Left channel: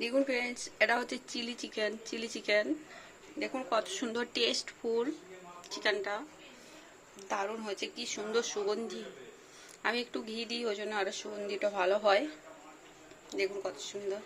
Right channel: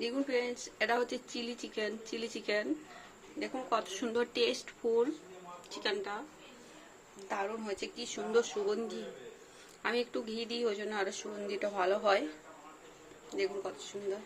দেখুন ফ্রেন্ডস এটা হচ্ছে চিলি চিকেন চিলি চিকেন। দেখুন কত সুন্দর টেস্টফুল চিকেনটা। দারুণ হয়েছে, কি সুন্দর সুগন্ধি। আমি একটু ঘি দিই, ওই জন্য আরও সুগন্ধিটা ভালো হয়। দেখুন কত সুন্দর।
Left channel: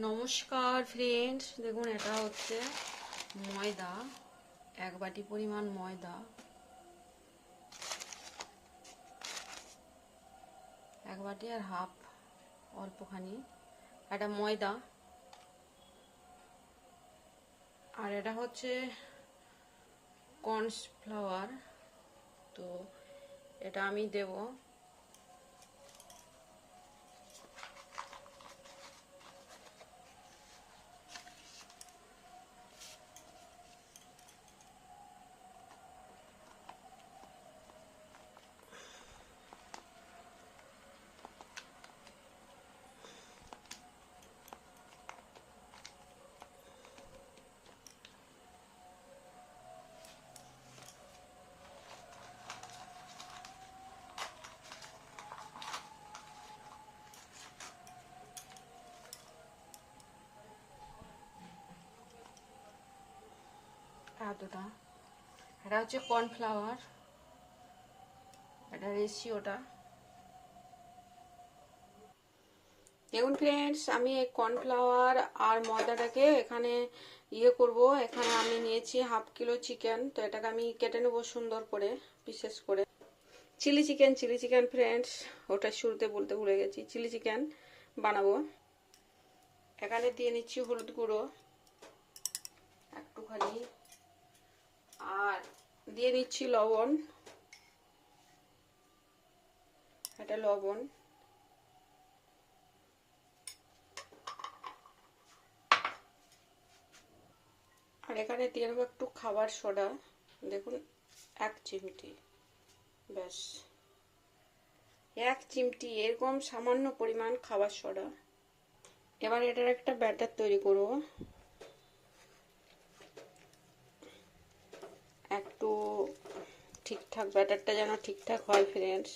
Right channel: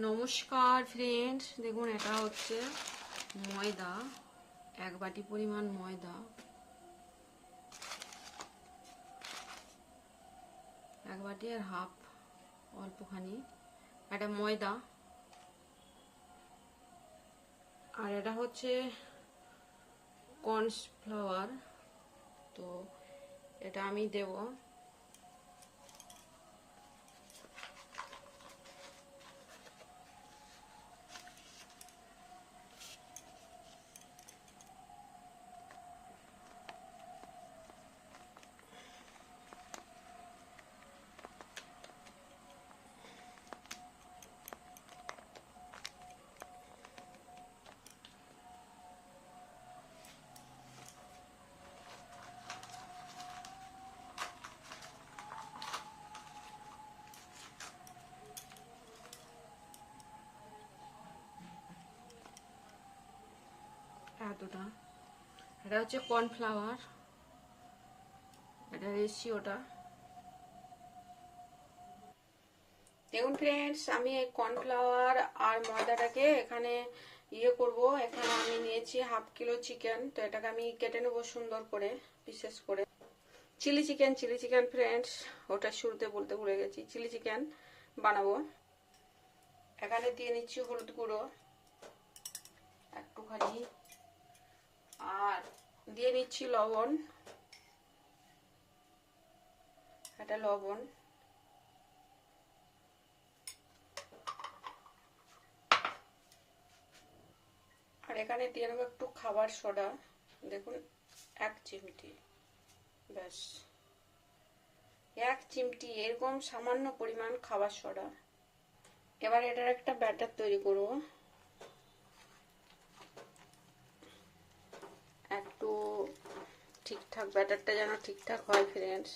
নমস্কার ফ্রেন্ডস দেখুন, এটা হচ্ছে ময়দা, এক বাটি পরিমাণ ময়দা। এক বাটি আর হাফ, অল্পখানি। এটা ময়দা। আর এটা হচ্ছে কর্নফ্লাওয়ার তো এটা আমি দেবো। এতটা? এটা হচ্ছে কর্নফ্লাওয়ার। এটা রেশিওটা দেখুন ফ্রেন্ডস আমি এই কর্নফ্লাওয়ার আর ময়দাটাকে এখানে ইয়ে করব। এখানে আমি নিয়েছি হাফ কিলো চিকেন। তো এটাকে আমি কেটে নেব সুন্দর করে বিশেষ করে। Chilli chicken chilli chicken friends ওটা শুরুতে বলতে ভুলে গেছি। চিলি চিকেন বানাবো। এখানে দিয়ে নিচ্ছি হলুদ গুঁড়ো। একটুখানি। আর দিয়ে নিচ্ছি লবণ এটা লবণ। আর এখানে দিয়ে নেব একটু খাবার সোডা, দেখুন, এক চিমটি, ব্যাস। এক চিমটি, এরকম সামান্য পরিমাণ খাবার সোডা। এবার এটার একটা ব্যাটার তৈরি করব একটু ঠিকঠাক ব্যাটারটা যেন ঠিকঠাক হয় ফ্রেন্ডস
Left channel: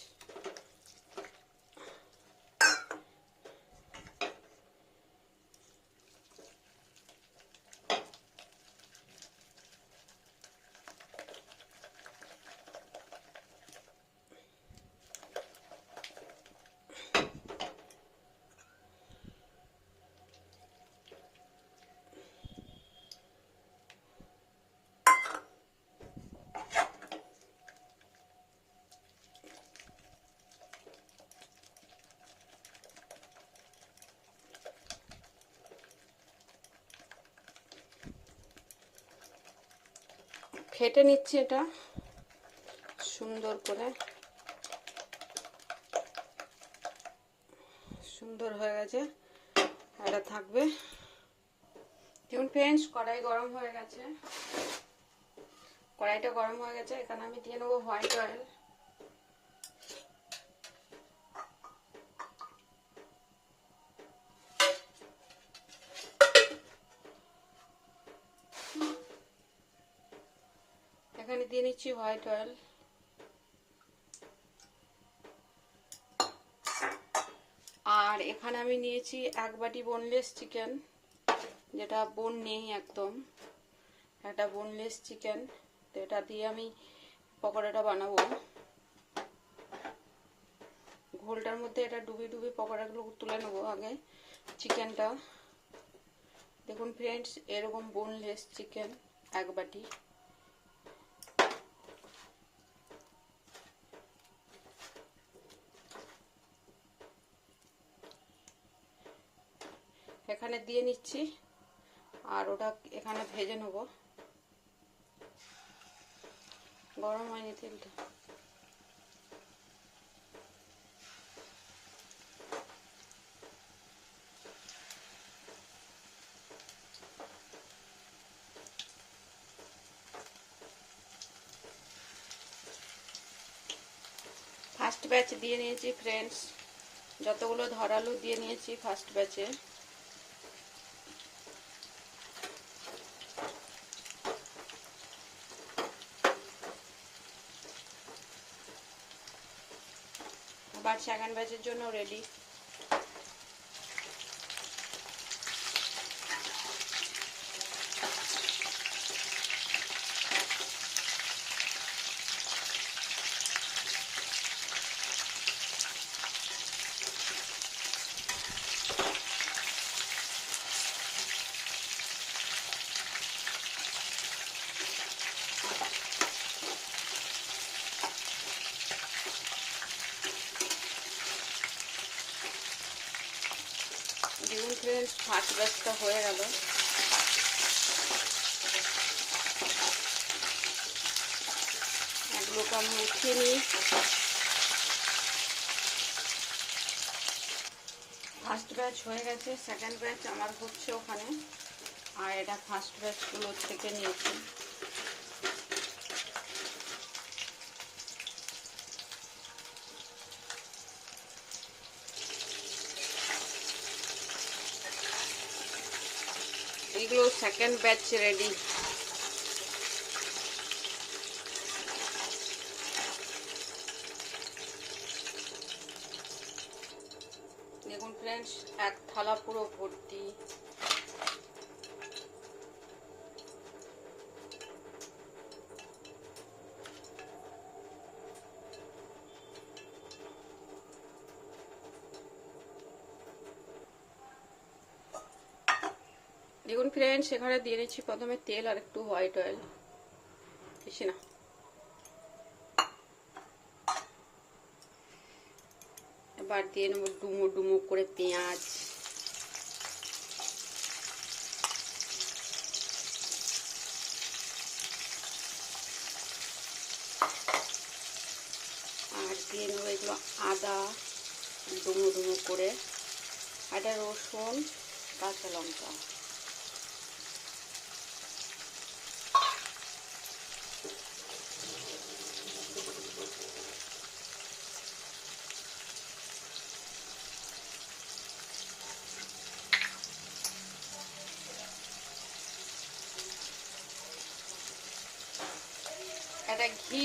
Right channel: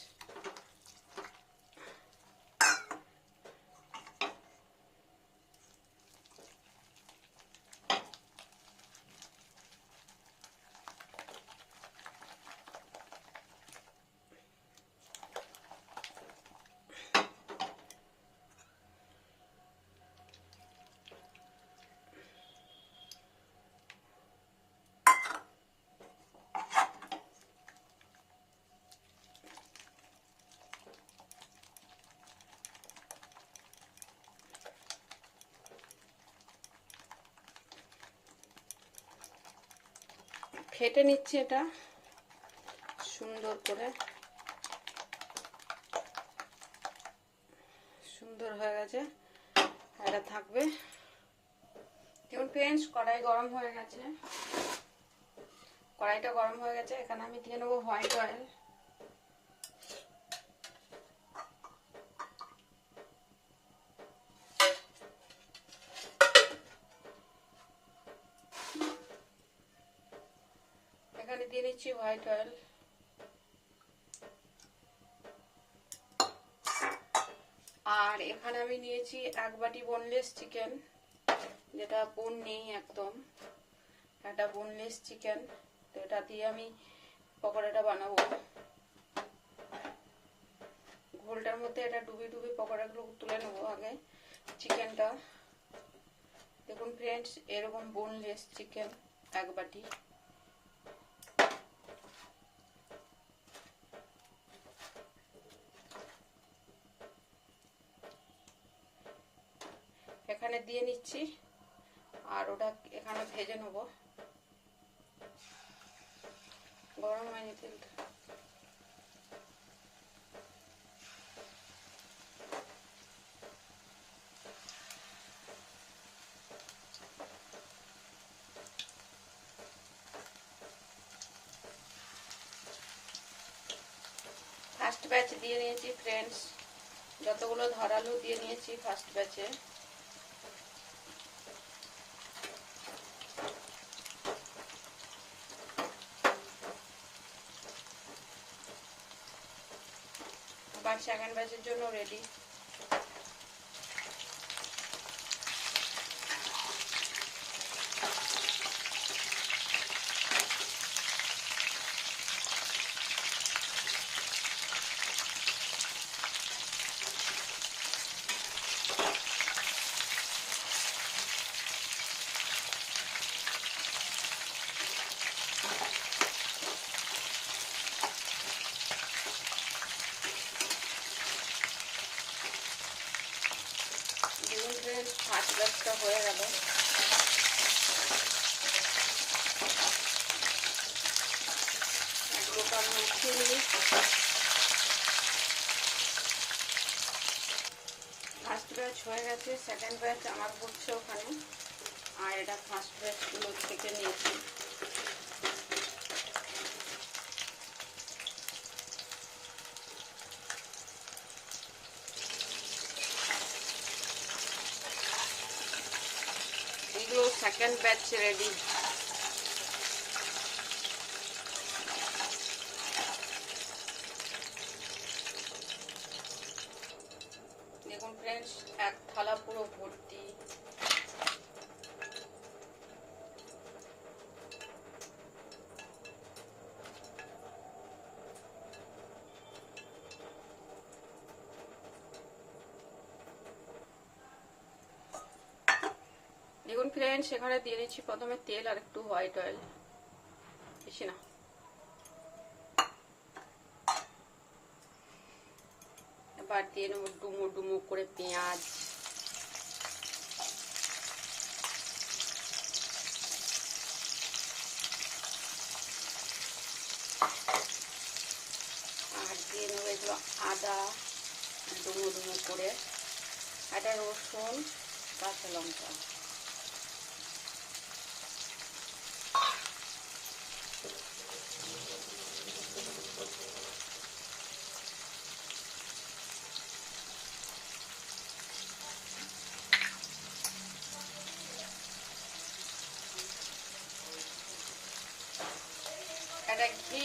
ফেটে নিচ্ছি এটা। সুন্দর করে। সুন্দর হয়ে গেছে। এটা থাকবে। দেখুন ফ্রেন্ডস কড়াই গরম হয়ে গেছে। কড়াইটা গরম হয়ে গেছে। এখানে আমি দিয়ে নেব হোয়াইট অয়েল এখানে দিয়ে নিচ্ছি হোয়াইট অয়েল। আর এখানে আমি নিয়েছি এক বাটি বোনলেস চিকেন যেটা বোন নেই একদম। একটা বোনলেস চিকেন তো এটা দিয়ে আমি পকোড়াটা বানাবো। ঘোলটার মধ্যে এটা ডুবি ডুবি পকোড়াগুলো তুলে নেব আগে চিকেনটা দেখুন ফ্রেন্ডস এরকম বোনলেস চিকেন এক বাটি। এখানে দিয়ে নিচ্ছি। আর ওটা এখানে ভেজে নেব। গরম হয়নি তেলটা। ফার্স্ট ব্যাচ দিয়ে নিয়েছি, ফ্রেন্ডস। যতগুলো ধরালো দিয়ে নিয়েছি ফার্স্ট ব্যাচে। এবার সেকেন্ড বাজির জন্য রেডি দেখুন ফ্রেন্ডস হয়ে গেল। আমি ফার্স্ট ব্যাচ হয়ে গেছে সেকেন্ড ব্যাচ আমার হচ্ছে ওখানে। আর এটা ফার্স্ট ব্যাচগুলো থেকে নিয়েছি। এগুলো সেকেন্ড ব্যাচ রেডি দেখুন ফ্রেন্ডস এক থালা পুরো ভর্তি দেখুন ফ্রেন্ডস সেখানে দিয়ে দিচ্ছি প্রথমে তেল আর একটু হোয়াইট অয়েল বেশি না। এবার দিয়ে নেব ডুমো ডুমো করে পেঁয়াজ। আর আদা, ডুমো ডুমো করে। আদা, রসুন, কাঁচা লঙ্কা। এটা ঘি।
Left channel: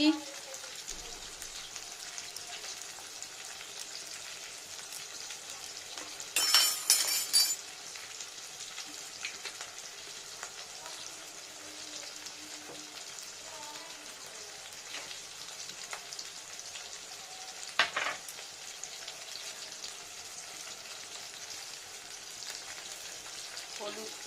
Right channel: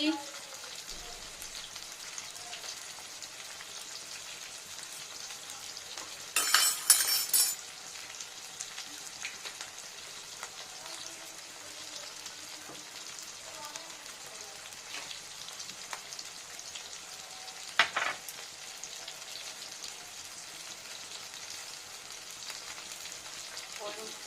হলুদ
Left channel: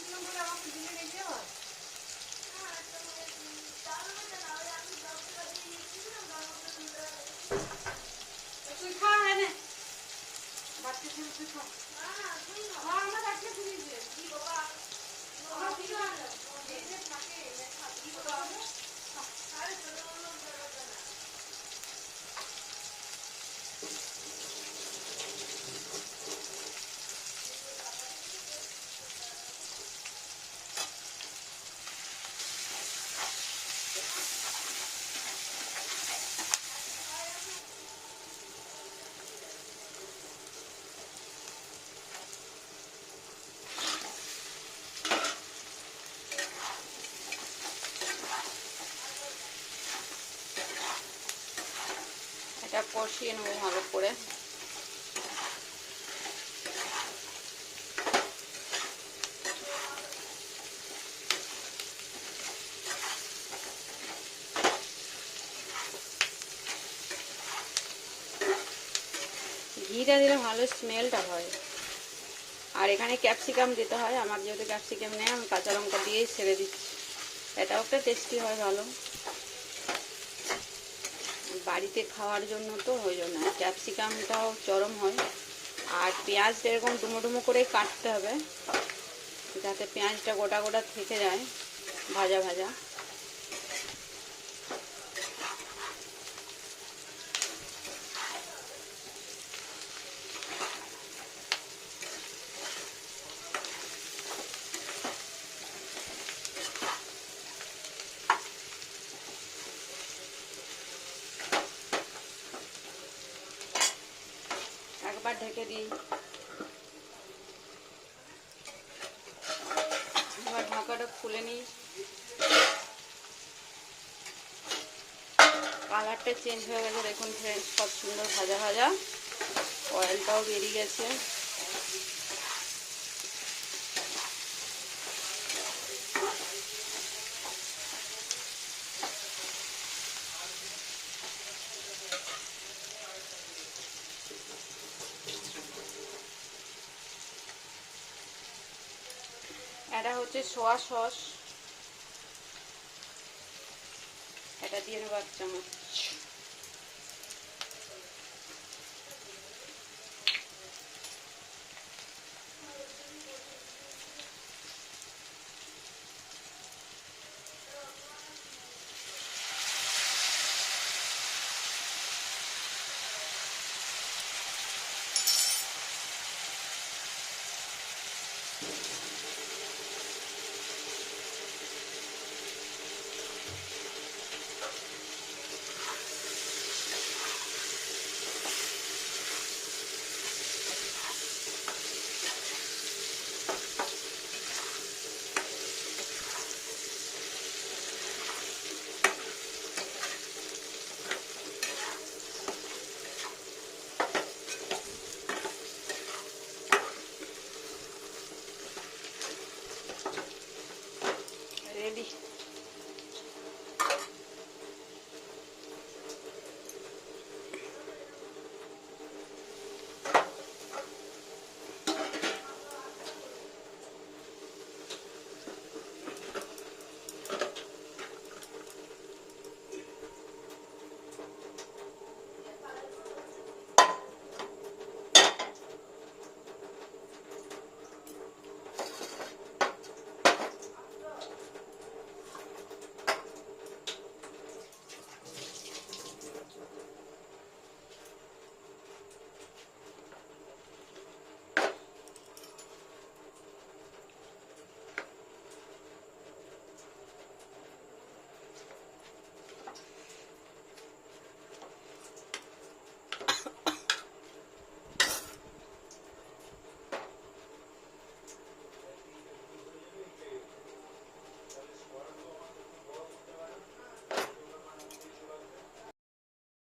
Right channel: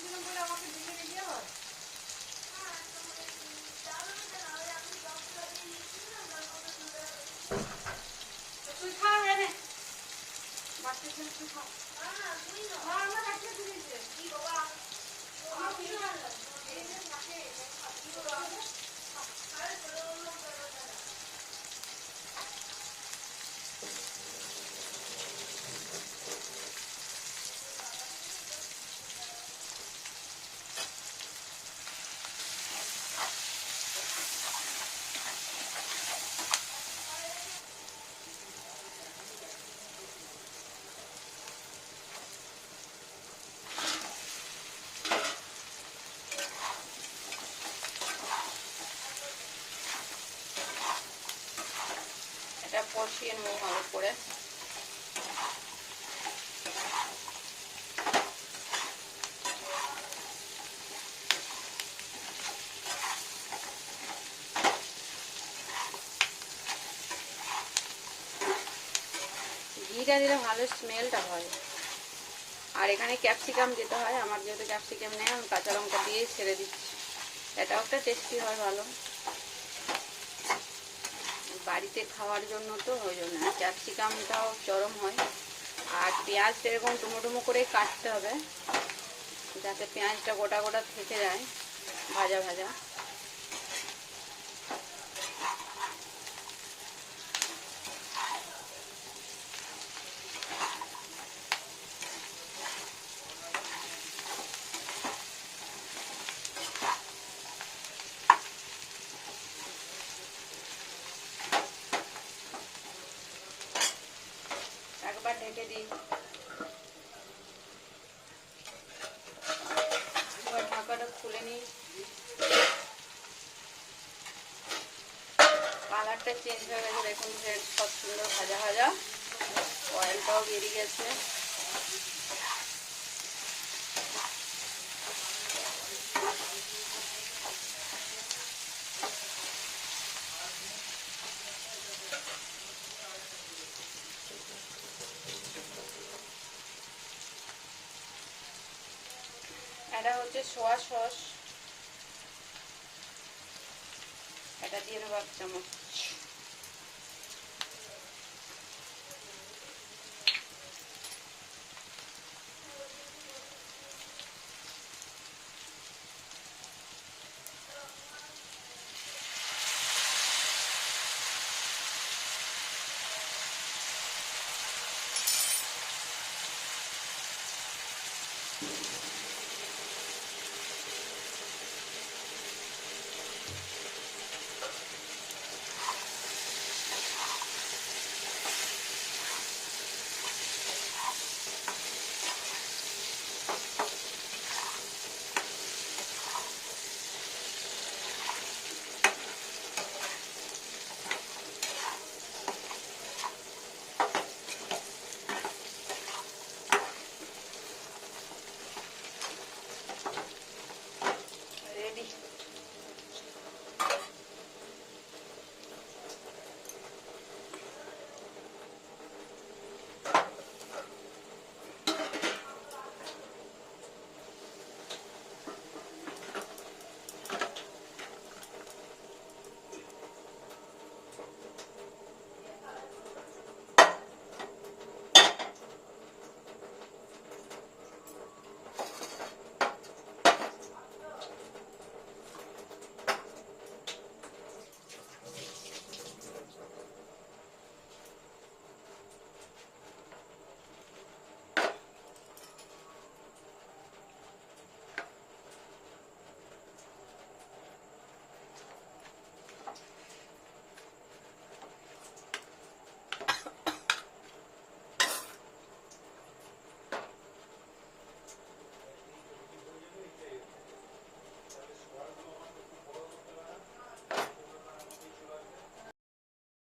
কষিয়ে নেব ভালো করে। ঘিটা দিলে ভালো স্মেলটা হয়। আর এখানে ক্যাপসিকাম দিতে হয়, আমার যেহেতু ক্যাপসিকাম নেই, আমি কাঁচা লঙ্কা দিয়েই ছেড়ে দিচ্ছি। এটাও একটা টেস্টি হয় ভালো। বাড়িতে খাওয়ার জন্য তো ওই জন্য। ক্যাপসিকামটাও চরম হয়। আর পেঁয়াজ এরকম ডুমো ডুমো করে কাটতে হবে। যাতে পেঁয়াজটা গোটা গোটা থেকে যায়, ভাজা ভাজা। একবার ঢেকে দিই। এবার ঢাকাটা খুলে নিই। কালারটা চেঞ্জ হয়ে গেছে, দেখুন ফ্রেন্ডস খুব সুন্দর ভাজা ভাজা। অয়েলটাও বেরিয়ে গেছে। এটা হচ্ছে সোয়া সস। এটা দিয়ে দেবো এক চামচ।